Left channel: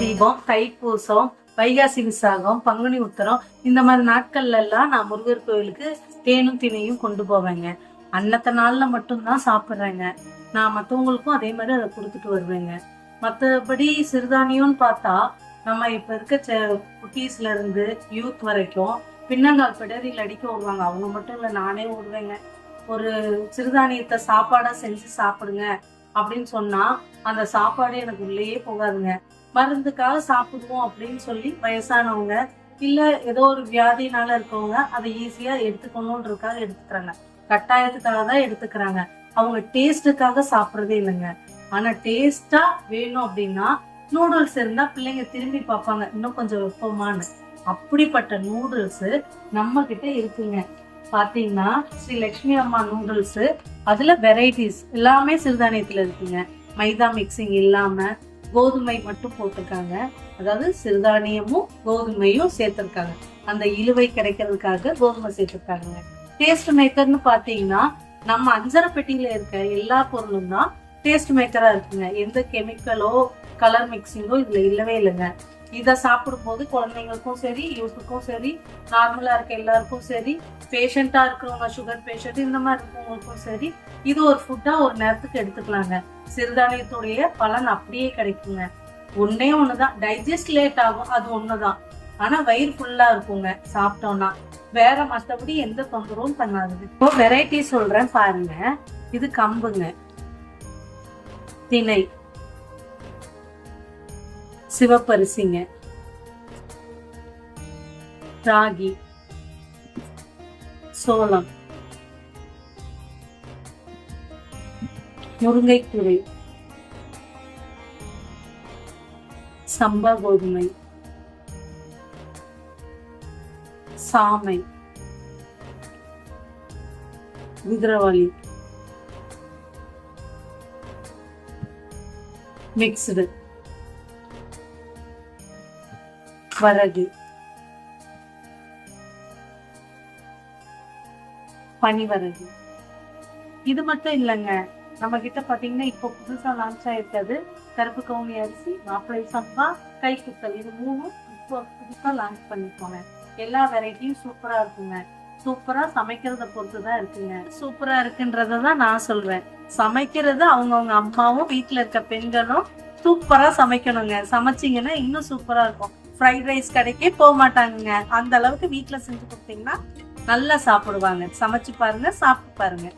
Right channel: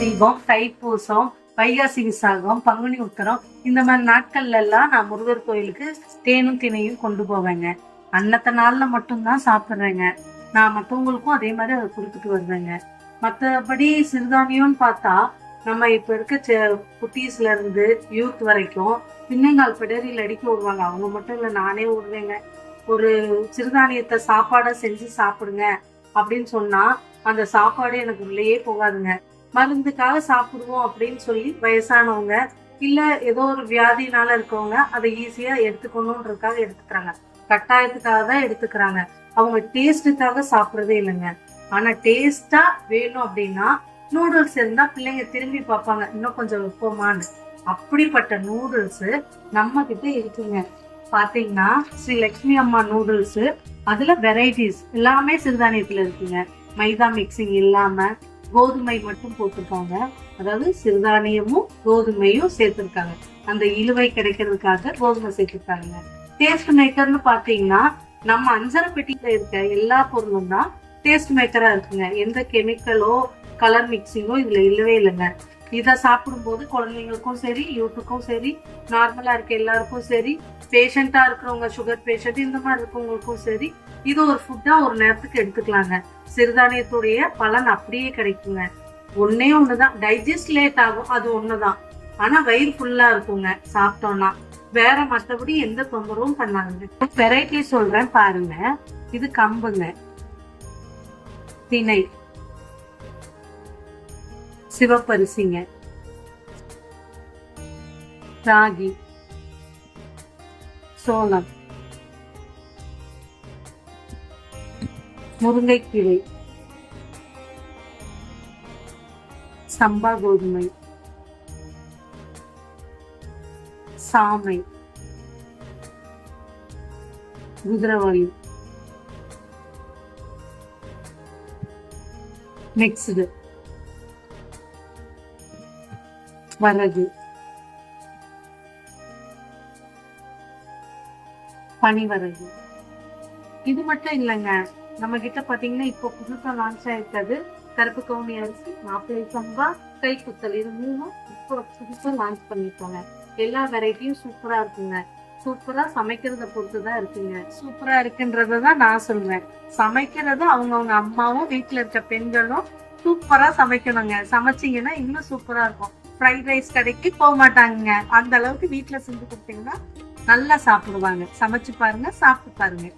தீபம், தைப்பூசம், வைகாசி விசாகம், பங்குனி உத்தரம் இந்த மாதிரி நாட்கள்ல எல்லாம் நான் முருகர் கோயிலுக்கு தேனும் திணையும் கொண்டு போவேங்க. அன்னத்த நாள்ல மட்டும்தான் சாப்பிட்றேங்க. நான் மற்றவங்களுக்கும் அதே மாதிரி அதை கொடுத்துட்டு வருவேங்க. மற்றபடி சிறுதானியம்னு பார்த்தா நம்ம இப்ப இருக்க குட்டீஸ்ல இருந்து யூத் வரைக்கும் பின்னங்கால் பிடரில் அடிக்க விடுவாங்க. அவங்க மட்டும் இல்லை, நானே விடுவேங்க. ஒரு சிறுதானியத்தை சாப்பாடா செஞ்சு சாப்பிடுங்க அப்படின்னு சொன்னா அந்த சாப்பாடு எனக்கு உள்ளேயே போகாதுங்க. மருந்துக்காக சாப்பிடுவோம் அப்படின்னு சொல்லி வயசானவங்க இல்ல ஏதோ ஒரு வியாதினால இருக்கவங்க அதை ஈஸியா எடுத்துக்கணும்ன்றதுக்காக எடுத்துக்கிறாங்க. கட்டாயத்துக்காக தான் எடுத்துக்கிறாங்க. அவங்க டேஸ்டுக்காக சாப்பிட்றதே இல்லைங்க. ஆனா டேஸ்டா வேணும் அப்படின்னா நூடுல்ஸ் இருந்தா பிள்ளைங்க திரும்பி பார்ப்பாங்க, இன்னும் கொஞ்சம் வைப்போமான்னு. அப்படிப்பட்ட நூடுல்ஸ் நம்ம கிட்ட இருக்குங்க. பாத்தீங்கன்னா ஸ்ரீ லட்சுமி அம்மா நூடுல்ஸ், அதுல வெரைட்டிஸ் எல்லாமே சிறுதானியத்துல இருக்குங்க. மைதா மிக்சிங் இல்லாம கோதுமை மட்டும் போட்டிருக்காங்க. அதாவது சிறுதானியமும் கோதுமையும் சேர்த்திருக்காங்க. அந்த இழுவை கிடைக்கிறதுக்காக கோதுமை சேர்த்திருக்காங்க. டேஸ்ட் மேக்கர்னு பாத்தீங்கன்னா நம்ம அஞ்சரை பெட்டியில இருக்க எல்லா பொருளும் தான் டேஸ்ட் மேக்கரா இருக்குங்க. எந்த கெமிக்கலோ கலர் மிக்சிங்கோ இதுல இல்லவே இல்லைங்க. இதை சாப்பிடும்போது குழந்தைங்களுக்கும் சரி, யூத்துக்கும் சரி, நார்மலா இருக்க எல்லாருக்கும் சரி, பேஷண்டா இருக்கிறவங்க, சுகர் பேஷண்ட் இந்த மாதிரி இருக்கவங்களுக்கும் சரி, இது ஒரு ஃபுட்டா ஒரு நேரத்துக்கு எடுத்துக்கலாங்க. சிறுதானியத்துடைய பலன் அப்படியே கிடைக்குங்க. ஒன்னே ஒண்ணுதான், டைஜஸ்ட் லேட் ஆகும், அது ஒண்ணுதான். ஆனா வயிறு ஃபுல்லா இருக்குங்க சாப்பிட்டோம்னா. வேற மற்றபடி எந்த தொந்தரவும் பண்ணாதுங்க. இப்போ வெரைட்டி சொல்றேன் பாருங்க. இது கம்புங்க, திணை, சிவப்பரிசிங்க, ராகி, சோளம், முருங்கைக்கீரை, சம்பா கோதுமை, சாமை, குதிரவாளி, மிக்ஸ்டு, வரகு, பனிவரகு. இது மட்டும் இல்லைங்க, நம்ம கிட்ட பாத்தீங்கன்னா இப்போ புதுசா லான்ச் ஆயிருக்காது கருப்பு கவுனி அரிசி, மாப்பிளை சம்பா, கைக்குத்தல், இது மூணும் இப்போ புதுசா லான்ச் பண்ணிருக்காங்க. எல்லா வெரைட்டியும் சூப்பரா இருக்குங்க. சூப்பரா சமைக்கிறத பொறுத்துதான் இருக்குங்க. சூப்பரா இருக்குன்றதான் நான் சொல்றேன். சமைக்கிறது அவங்கவுங்க அம்மாவும் வீட்டுல இருக்க பெண்களும் சூப்பரா சமைக்கணுங்க. சமைச்சிங்கன்னா இன்னும் சூப்பரா இருக்கும். ஃப்ரைட் ரைஸ் கடைக்கே போக மாட்டாங்க. அந்த அளவுக்கு வீட்டுல செஞ்சு கொடுத்தீங்கன்னா நல்லா சாப்பிடுவாங்க. சமைச்சு பாருங்க, சாப்பிட்டு பாருங்க.